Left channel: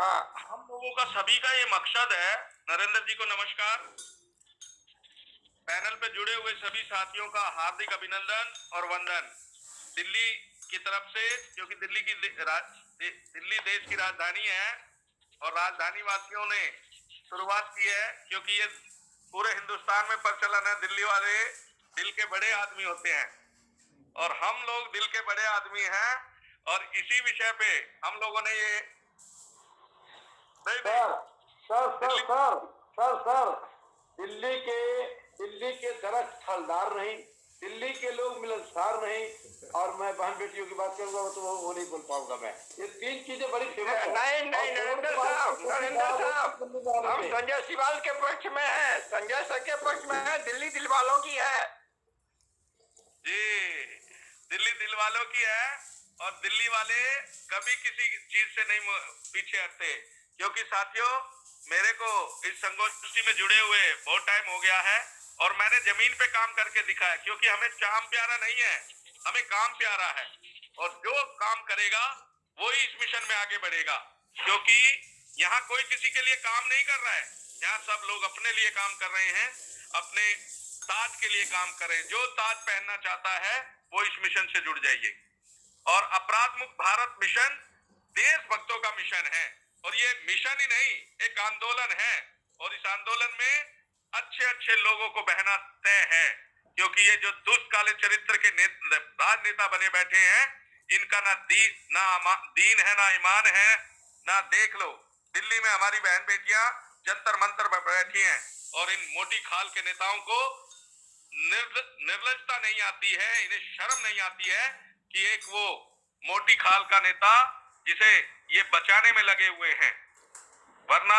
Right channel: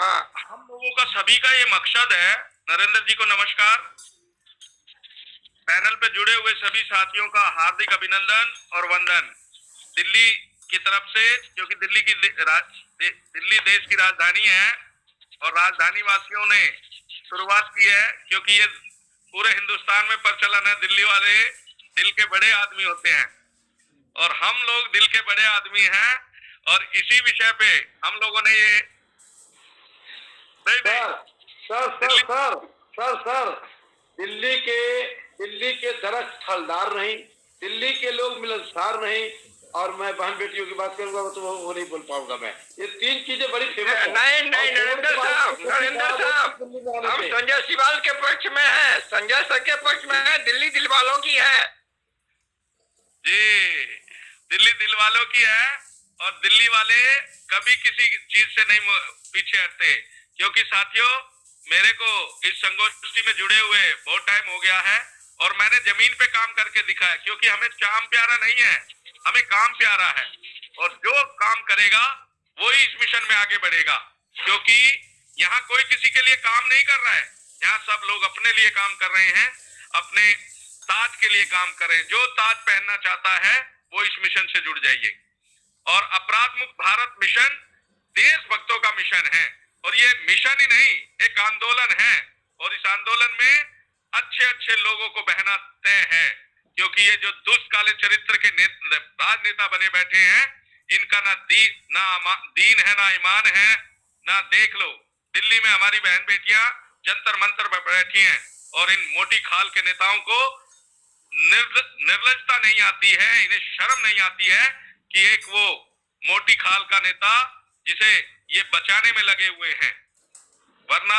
हाँ। हम लोगों का सभी का ये मकसद है। नरेंद्र जी को नमस्कार। पैनल पे जुड़े हुए सभी साथियों का हार्दिक अभिनंदन और वंदन। दिल्ली की तरफ से, क्योंकि दिल्ली देश की राजधानी है और राजधानी वासियों ने शुरुआत की है, क्योंकि ये पूरे हिंदुस्तान में प्रचलन है। दिल्ली वाले दिल के बड़े आदमी होते हैं और हम लोग दिल के बड़े आदमी हैं। और इसी विषय पे हम लोगों ने ये नहीं नहीं sir sir sir Delhi sir sir sir Delhi के दरख्त फलदार नहीं, दिल्ली के लोग मिलनसार नहीं, और मैं बहन बेटियों की बात करूंगा तो वो नहीं बोल पाऊंगा। मैं ये तीन चीजें बड़ी फेमस है। नहीं नहीं, नरेंद्र साहब, हम संजय सिवाल के पक्ष में हैं, संजय सर के पक्ष में है, दिल्ली दिल वालों की है जी। दिल्ली दिल वालों की है और दिल्ली वाले कभी किसी चीज से नहीं पीछे हटते। क्योंकि साथियों, मेरे को इस संगोष्ठी में जुड़े हुए बहुत टाइम हो गया है और मैंने जमीन पे काम करके दिखाया। क्योंकि हमें काम प्यारा नहीं है, हमें काम प्यारा है। और जो काम करेगा वही इस मिशन में आगे बढ़ेगा। क्योंकि यहाँ कोई किसी के लिए काम नहीं कर रहा है, यहाँ सब लोग अपने लिए काम कर रहे हैं, अपने ताज के लिए काम कर रहे हैं। जो ताज पहनना चाहता है वो इस मिशन से जुड़ जाइए। और अपराध मुक्त भारत मिशन देशभक्तों का मिशन है और ये मिशन ही नहीं, एक आंदोलन है। और इस आंदोलन में अच्छे अच्छे लोगों को बहना तय है। क्योंकि ये जो दुष्ट काले चरित्र के राजनेता बने बैठे हैं, इनका ना दीन है, ना ईमान है, ना देख लो। दिल्ली में हमारी बहन बेटियां जंतर मंतर पर बैठी हैं और इन मोटी खाल के नेताओं को निर्लजता नहीं आती है, इन्हें शर्म नहीं आती है कि एक वो मोटी खाल का नेता जिसे ये बचाने में लगे हुए हैं। वरना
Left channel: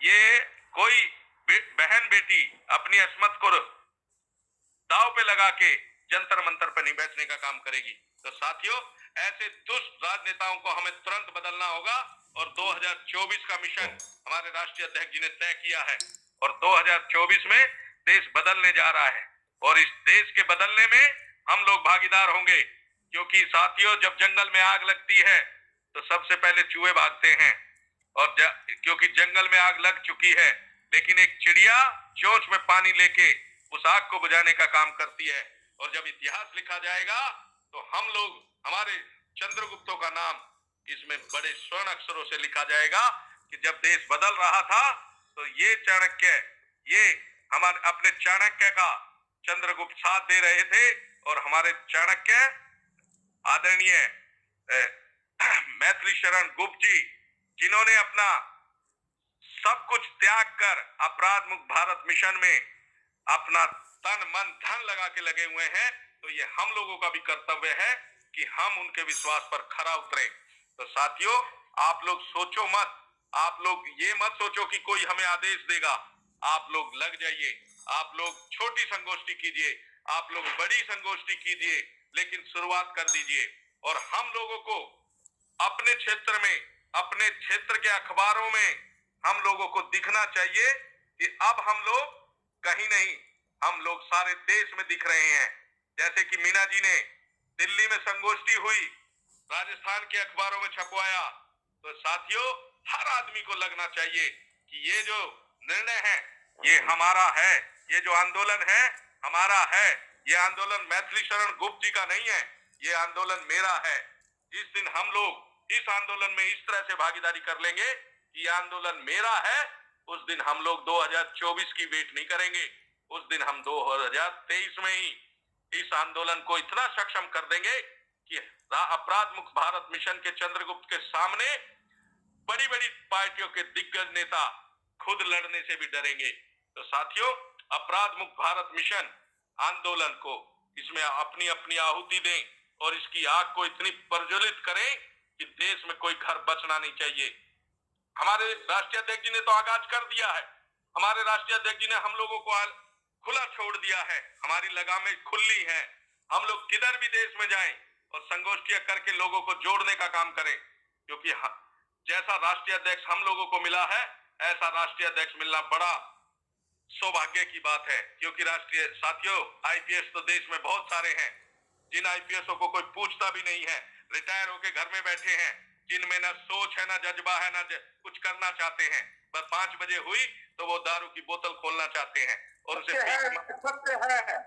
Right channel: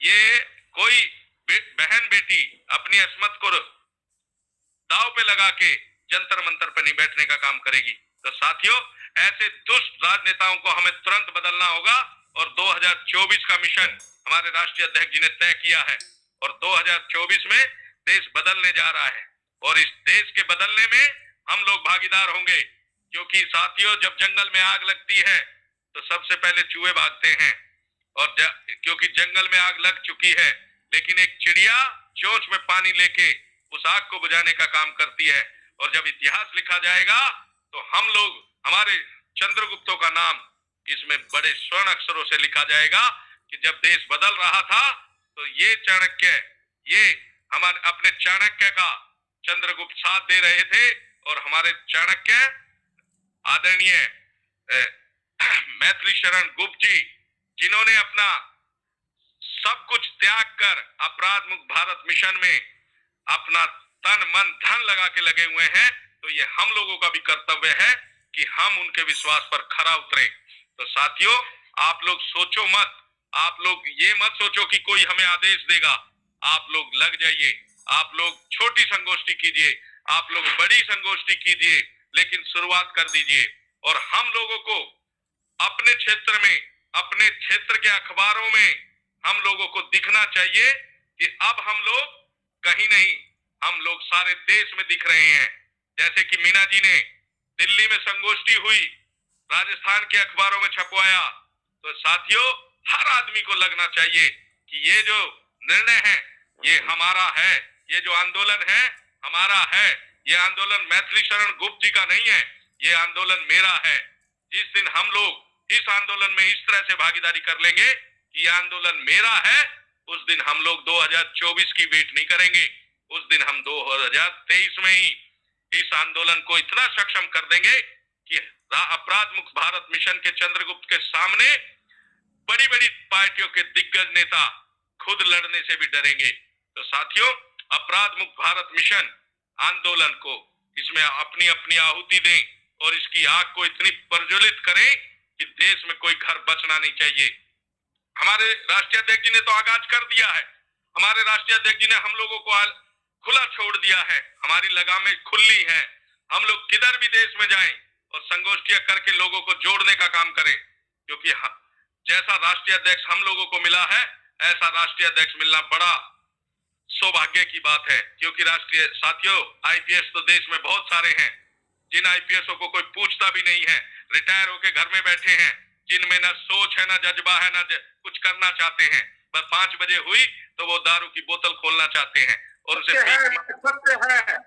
ये कोई बहन बेटी अपनी अस्मत को दाव पे लगा के जंतर मंतर पे नहीं बैठने का काम करेगी। तो साथियों, ऐसे दुष्ट राजनेताओं को हमें तुरंत बदलना होगा। और 2024 का मिशन हमारे राष्ट्रीय अध्यक्ष जी ने तय किया है और 2024 में देश बदलने जा रहा है और इस देश के बदलने में हम लोग भागीदार होंगे। क्योंकि साथियों, जब जंगल में आग लगती है तो सबसे पहले चूहे भागते हैं। और क्योंकि जंगल में आग लग चुकी है, लेकिन एक चिड़िया चोंच में पानी लेके उस आग को बुझाने का काम करती है। और जब इतिहास लिखा जाएगा तो हम लोग, हमारे चंद्रगुप्तों का नाम इसमें बड़े स्वर्ण अक्षरों से लिखा जाएगा कि जब देश बदल रहा था तो ये चाणक्य, ये हमारे अपने चाणक्य का चंद्रगुप्त साथ दे रहे थे। और हमारे चाणक्य आदरणीय मैथिली शरण गुप्त जी, जिन्होंने अपना सब कुछ त्याग कर अपराध मुक्त भारत मिशन में अपना तन मन धन लगा के लगे हुए हैं, तो ये हम लोगों का भी कर्तव्य है कि हम उनके विश्वास पर खरा उतरे। तो साथियों, आप लोग सोचो मत, आप लोग ये मत सोचो कि कोई हमें आदेश देगा। आप लोग लग जाइए, आप लोग छोटी संगोष्ठी कीजिए, आप लोग बड़ी संगोष्ठी कीजिए, लेकिन शुरुआत कर दीजिए। और हम लोगों को अपने क्षेत्र में, अपने क्षेत्र के अखबारों में हम लोगों को दिखना चाहिए कि अब हम लोग कहीं नहीं, हम लोग सारे देश में दिख रहे हैं। जैसे कि मीना जी ने दिल्ली में संगोष्ठी हुई, राजस्थान के अखबारों में छपवाया। तो साथियों, हर आदमी को लगना चाहिए कि ये जो निर्णय है ये हमारा है, ये जो आंदोलन है हमारा है। ये आंदोलन मैथिली शरण गुप्त जी का नहीं है, ये आंदोलन मेरा है। जिस दिन हम लोग इस आंदोलन में इस तरह से भागीदारी कर लेंगे कि ये आंदोलन मेरा है, उस दिन हम लोग 2024 की वेट नहीं करेंगे। उस दिन हम 2023 में ही इस आंदोलन को इतना सक्षम कर देंगे कि अपराध मुक्त भारत मिशन के चंद्रगुप्त के सामने बड़ी बड़ी पार्टियों के दिग्गज नेता खुद लड़ने से भी डरेंगे। तो साथियों, अपराध मुक्त भारत मिशन आंदोलन को, इसमें अपनी अपनी आहुति दें और इसकी आग को इतनी प्रज्वलित करें कि देश में कोई घर बचना नहीं चाहिए। हमारे राष्ट्रीय अध्यक्ष जी ने तो आगाज कर दिया है, हमारे राष्ट्रीय अध्यक्ष जी ने हम लोगों को खुला छोड़ दिया है, हमारी लगामें खुली हैं। हम लोग किधर भी देश में जाएं और संगोष्ठियां करके लोगों को जोड़ने का काम करें। क्योंकि जैसा राष्ट्रीय अध्यक्ष हम लोगों को मिला है, ऐसा राष्ट्रीय अध्यक्ष मिलना बड़ा सौभाग्य की बात है। क्योंकि राष्ट्रीय साथियों, आईपीएस तो देश में बहुत सारे हैं, जिन आईपीएसओ को कोई पूछता भी नहीं है, रिटायर होके घर में बैठे हैं। जिनमें ना सोच है, ना जज्बा है, ना कुछ करना चाहते हैं। बस 5 बजे हुई तो वो दारू की बोतल खोलना चाहते हैं और उसे सत्य है, सत्य है,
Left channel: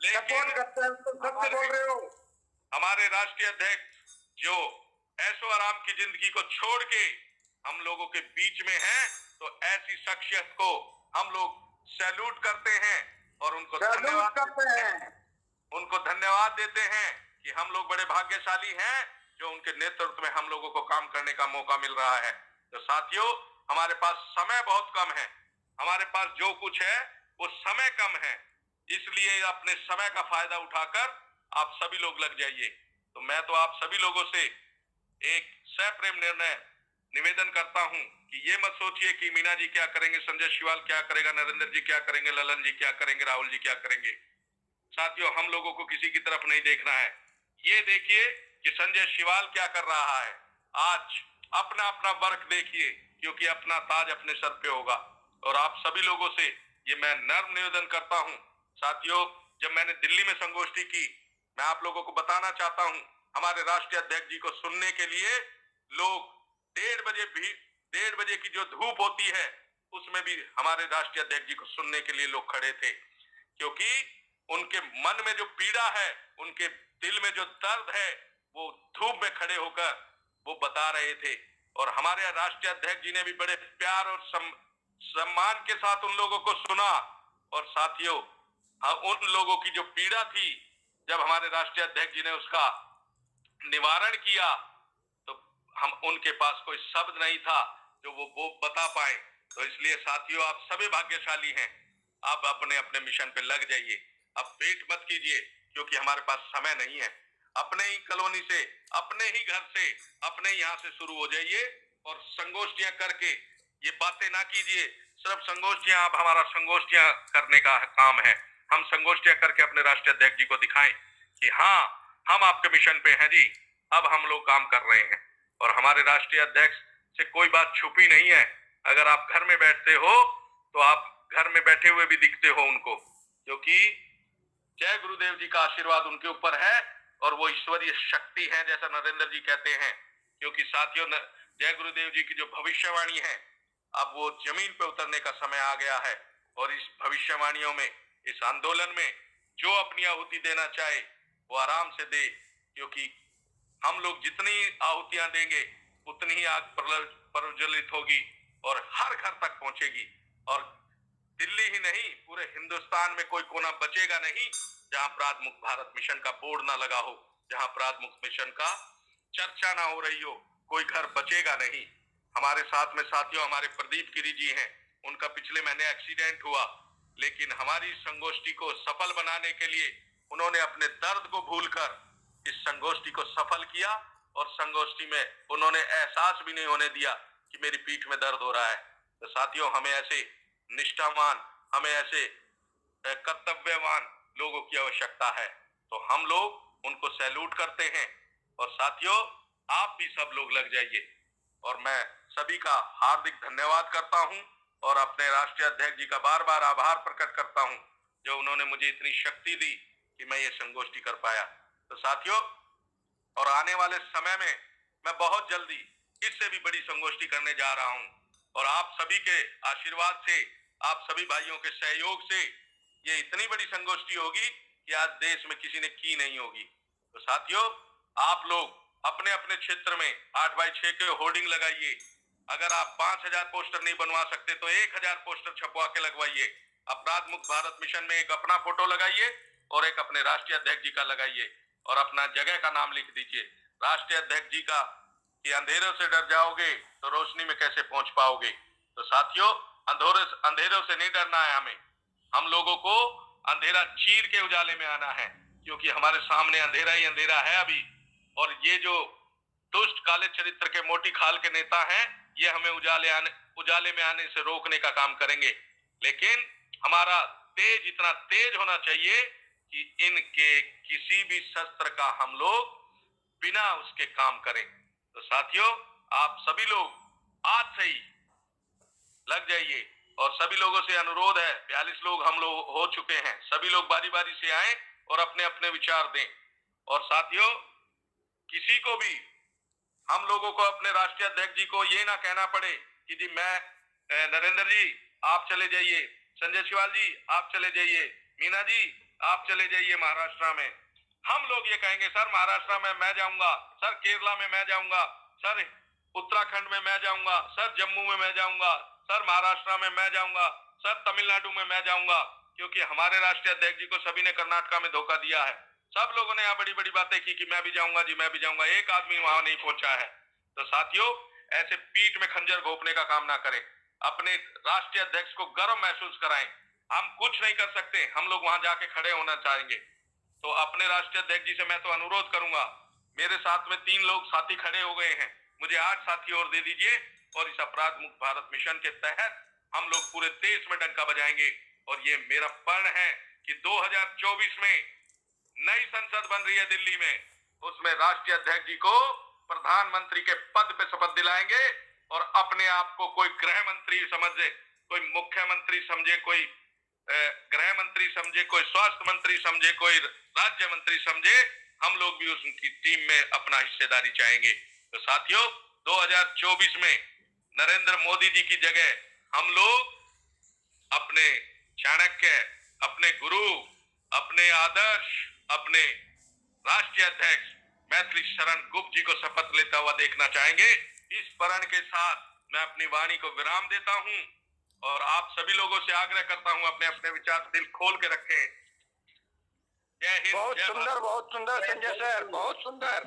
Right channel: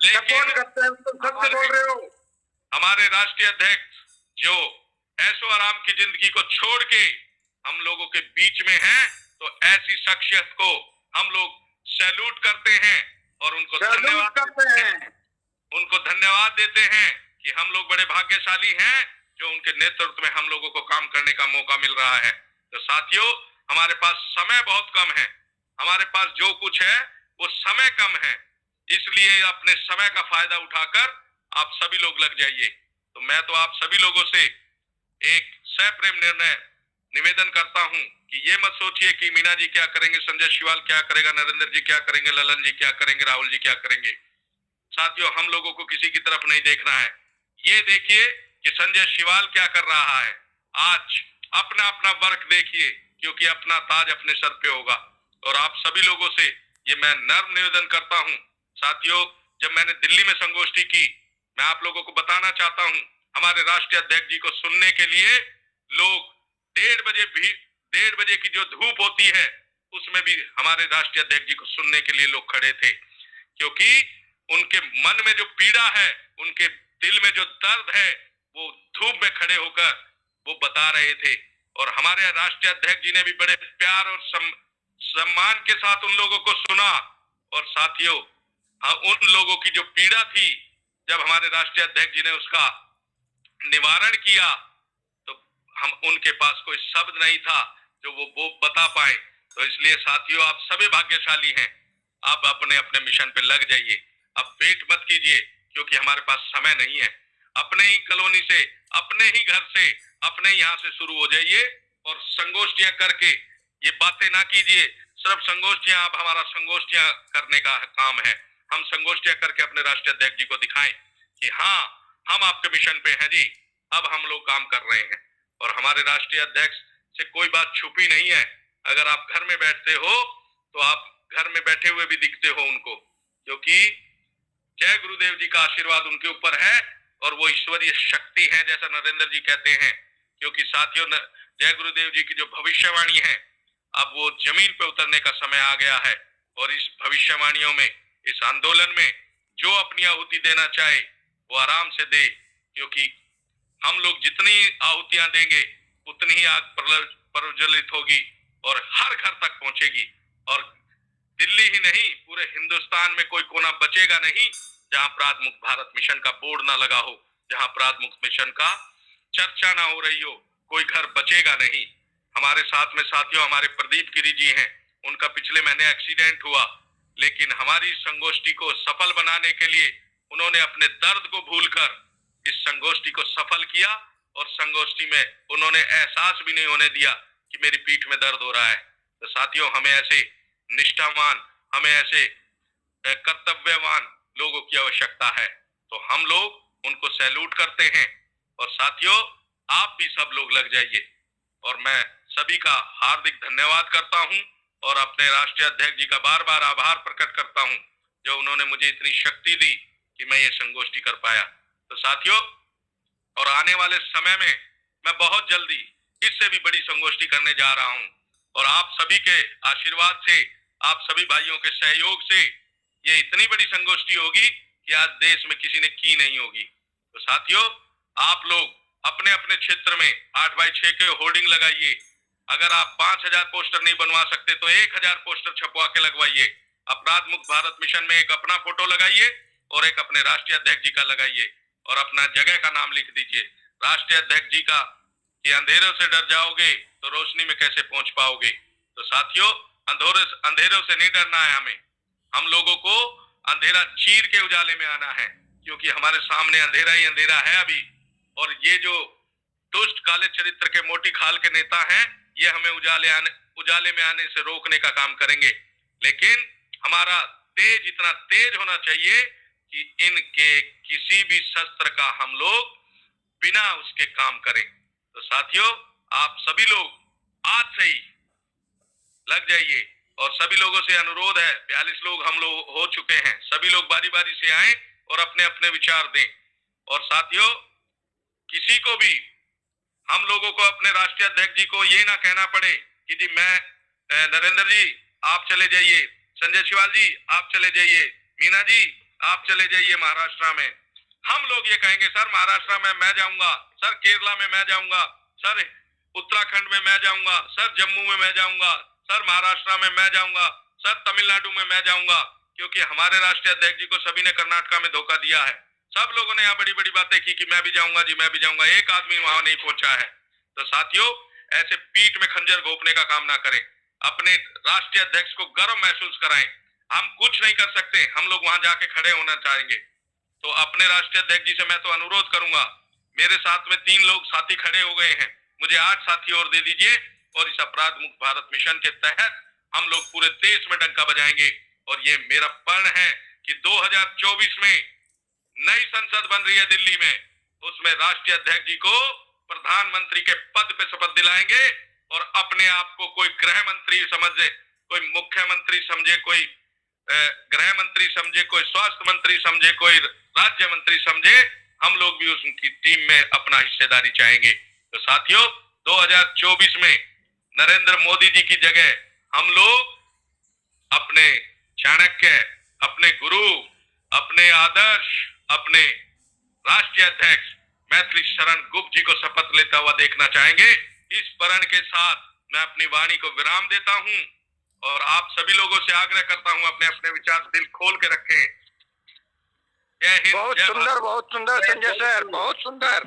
सपोर्ट करते हैं, तुम सत्य बोल रहे हो। हमारे राष्ट्रीय अध्यक्ष जो ऐशो आराम की जिंदगी को छोड़ के हम लोगों के बीच में हैं, तो ऐसी शख्सियत को हम लोग सैल्यूट करते हैं और उनको धन्यवाद करते हैं, उनको धन्यवाद देते हैं कि हम लोग बड़े भाग्यशाली हैं जो उनके नेतृत्व में हम लोगों को काम करने का मौका मिल रहा है। तो साथियों, हमारे पास समय बहुत कम है, हमारे पास जो कुछ है वो समय कम है, इसलिए अपने समय का फायदा उठाकर आप सभी लोग लग जाइए। तो मैं तो आप सभी लोगों से एक सप्रेम निर्णय निवेदन करता हूं कि ये मत सोचिए कि मीना जी क्या करेंगे, संजय शिवाल क्या करेगा, नरेंद्र जी क्या करेंगे, ललन जी क्या करेंगे, राहुल जी क्या करेंगे। साथियों, हम लोगों को किसी की तरफ नहीं देखना है। ये देखिए कि संजय शिवाल क्या कर रहा है। आज अपना अपना वर्क देखिए, क्योंकि अपना ताज अपने सर पे होगा। और आप सभी लोगों से ये मैं नर्म निवेदन करता हूं। साथियों, जब मैंने दिल्ली में संगोष्ठी की, मैं आप लोगों को बताना चाहता हूं, हमारे राष्ट्रीय अध्यक्ष जी को सुनने के लिए लोग 1:30 बजे की जो धूप होती है उसमें भी हमारे राष्ट्रीय अध्यक्ष जी को सुनने के लिए लोग खड़े थे, क्योंकि उनके मन में जो पीड़ा है, उनके दिल में जो दर्द है, वो धूप में खड़े होकर वो बता रहे थे। और हमारे राष्ट्रीय अध्यक्ष जी ने भी बड़े प्यार और सम्मान के साथ उन लोगों को सुना। और साथियों, उन लोगों की जो पीड़ा थी, जब हमारे राष्ट्रीय अध्यक्ष जी ने उसका निवारण किया, तो हम उनके पास कोई शब्द नहीं था जो वो बता पाए। तो इसलिए साथियों, आप सभी भाग्यशाली हैं। आप अपने अपने मिशन पे लग जाइए, अब वेट मत कीजिए, क्योंकि हमारे पास समय नहीं है। अपने ही कॉलोनी से, अपने ही घर से, अपने यहाँ से शुरू हो जाइए और संगोष्ठियां करके ये बातें ना कीजिए। सिर्फ संगोष्ठियां, अब हमारा संगोष्ठियां करने का काम है। हम संगोष्ठियां करके अपने राष्ट्रीय अध्यक्ष जी को दिखाएं कि हाँ, हम आपके मिशन पे हैं जी, अब हम लोग काम कर रहे हैं। और हमारे राष्ट्रीय अध्यक्ष से कोई बात छुपी नहीं है। अगर आप घर में बैठते हो तो आप घर में बैठे हुए भी दिखते हो उनको, क्योंकि जय गुरुदेव जी का आशीर्वाद उनके ऊपर है और वो ईश्वरीय शक्ति है, जैसा नरेंद्र जी कहते हैं। क्योंकि साथियों, जय गुरुदेव जी की जो भविष्यवाणी है, अब वो जमीन पे उतरने का समय आ गया है। और इस भविष्यवाणियों में, इस आंदोलन में जो अपनी आहुति देना चाहे वो आराम से दे, क्योंकि हम लोग जितनी आहुतियां देंगे उतनी ही आग प्रज्वलित होगी और हर घर तक पहुंचेगी। और दिल्ली ही नहीं, पूरे हिंदुस्तान में कोई कोना बचेगा नहीं जहां अपराध मुक्त भारत मिशन का बोर्ड ना लगा हो, जहां अपराध मुक्त मिशन का चर्चा ना हो रही हो, कोई घर बचेगा नहीं। हमारे साथ में साथियों हमारे प्रदीप गिरी जी हैं, उनका पिछले महीने एक्सीडेंट हुआ, लेकिन हमारी संगोष्ठी को सफल बनाने के लिए उन्होंने अपने दर्द को भूलकर इस संगोष्ठी को सफल किया। और संगोष्ठी में उन्होंने एहसास भी नहीं होने दिया कि मेरी पीठ में दर्द हो रहा है। तो साथियों, हमें ऐसे निष्ठावान, हमें ऐसे कर्तव्यवान लोगों की आवश्यकता है। तो हम लोग उनको सैल्यूट करते हैं। और साथियों, आप भी सब लोग लग जाइए। और मैं सभी का हार्दिक धन्यवाद करता हूं और अपने राष्ट्रीय अध्यक्ष जी का बार बार आभार प्रकट करता हूं, जो उन्होंने मुझे इतनी शक्ति दी कि मैं ये संगोष्ठी कर पाया। तो साथियों, और आने वाले समय में मैं बहुत जल्दी इससे भी बड़ी संगोष्ठी करने जा रहा हूं। और आप सभी के आशीर्वाद से, आप सभी भाइयों के सहयोग से ये इतनी बड़ी संगोष्ठी होगी कि आज देश में किसी ने की नहीं होगी। तो साथियों, आप लोग अपने अपने क्षेत्र में 8x6 के होर्डिंग लगाइए। अगर आप 5000 पोस्टर नहीं बनवा सकते तो 1000 पोस्टर छपवा के लगवाइए। अपराध मुक्त भारत मिशन में एक अपना फोटो लगाइए और एक अपने राष्ट्रीय अध्यक्ष जी का लगाइए और अपना जगह का नाम लिख दीजिए। राष्ट्रीय अध्यक्ष जी का कि अंधेरों से डर जाओगे तो रोशनी में कैसे पहुंच पाओगे। तो साथियों, अंधेरों से नहीं डरना है हमें। हम लोगों को अंधेरा चीर के उजाले में आना है, क्योंकि हमारे सामने अंधेरा ही अंधेरा है अभी। और ये जो दुष्ट काले चरित्र के मोटी खाल के नेता हैं, ये हमें उजाले में आने से रोकने का काम करेंगे। लेकिन हमारा तेज इतना तेज होना चाहिए कि इनके किसी भी शस्त्र का हम लोग बिना उसके काम करें। तो साथियों, आप सभी लोग आज से ही लग जाइए। और सभी लोगों से अनुरोध है, 42 लोग हम लोग हो चुके हैं, सभी लोग बारी बारी से आएं और अपने अपने विचार दें। और साथियों, किसी को भी हम लोगों को अपने राष्ट्रीय अध्यक्ष जी को ये ना कहना पड़े कि जी नरेंद्र जी आप चले जाइए, संजय शिवाल जी आप चले जाइए, मीना जी आप चले जाइए महाराष्ट्र में। हम लोग ये कहेंगे सर महाराष्ट्र में मैं जाऊंगा, सर केरला में मैं जाऊंगा, सर उत्तराखंड में मैं जाऊंगा, सर जम्मू में मैं जाऊंगा, सर महाराष्ट्र में मैं जाऊंगा, सर तमिलनाडु में मैं जाऊंगा, क्योंकि हमारे राष्ट्रीय अध्यक्ष जी को सभी ने कर्नाटका में धोखा दिया है। सब लोगों ने यहाँ बड़ी बड़ी बातें की कि मैं भी जाऊंगा जी, मैं भी जाऊंगा, एक आदमी वहां नहीं पहुंचा है। तो साथियों ऐसे पीठ में खंजर घोंपने का काम ना करें, अपने राष्ट्रीय अध्यक्ष को गर्व महसूस कराएं। हम कुछ नहीं कर सकते, हम लोग वहां जाके खड़े होना चाहेंगे। तो अपने राष्ट्रीय अध्यक्ष जी से मैं तो अनुरोध करूंगा, मेरे साथ में 3 लोग साथी खड़े हो गए हैं, मुझे 8 साथी और दे दीजिए और इस अपराध मुक्त भारत मिशन के तहत हम लोग पूरे देश में डंका बजाएंगे। और ये मेरा प्रण है कि 2024 में नई संसद बन रही है दिल्ली में, उसमें राष्ट्रीय अध्यक्ष जी को प्रधानमंत्री के पद पे शपथ दिलाएंगे और अपने आप को कोई गृह मंत्री समझे, कोई मुख्यमंत्री समझे, कोई गृह मंत्री समझे, कोई स्वास्थ्य मंत्री समझे, कोई राज्य मंत्री समझे, हम लोग भी उनकी टीम में अपना हिस्सेदारी चाहेंगे। तो साथियों 2024 में नरेंद्र मोदी जी की जगह हम लोग अपने चाणक्य, अपने गुरु, अपने आदर्श, अपने राष्ट्रीय अध्यक्ष मैथिली शरण गुप्त जी को शपथ लेता हुआ देखना चाहेंगे। इस प्रण के साथ मैं अपनी वाणी को विराम देता हूं और आप सभी लोगों से आग्रह करता हूं अपने अपने विचार दिल खोल के रखें। जय हिंद। बहुत सुंदर संजय सर, बहुत सुंदर।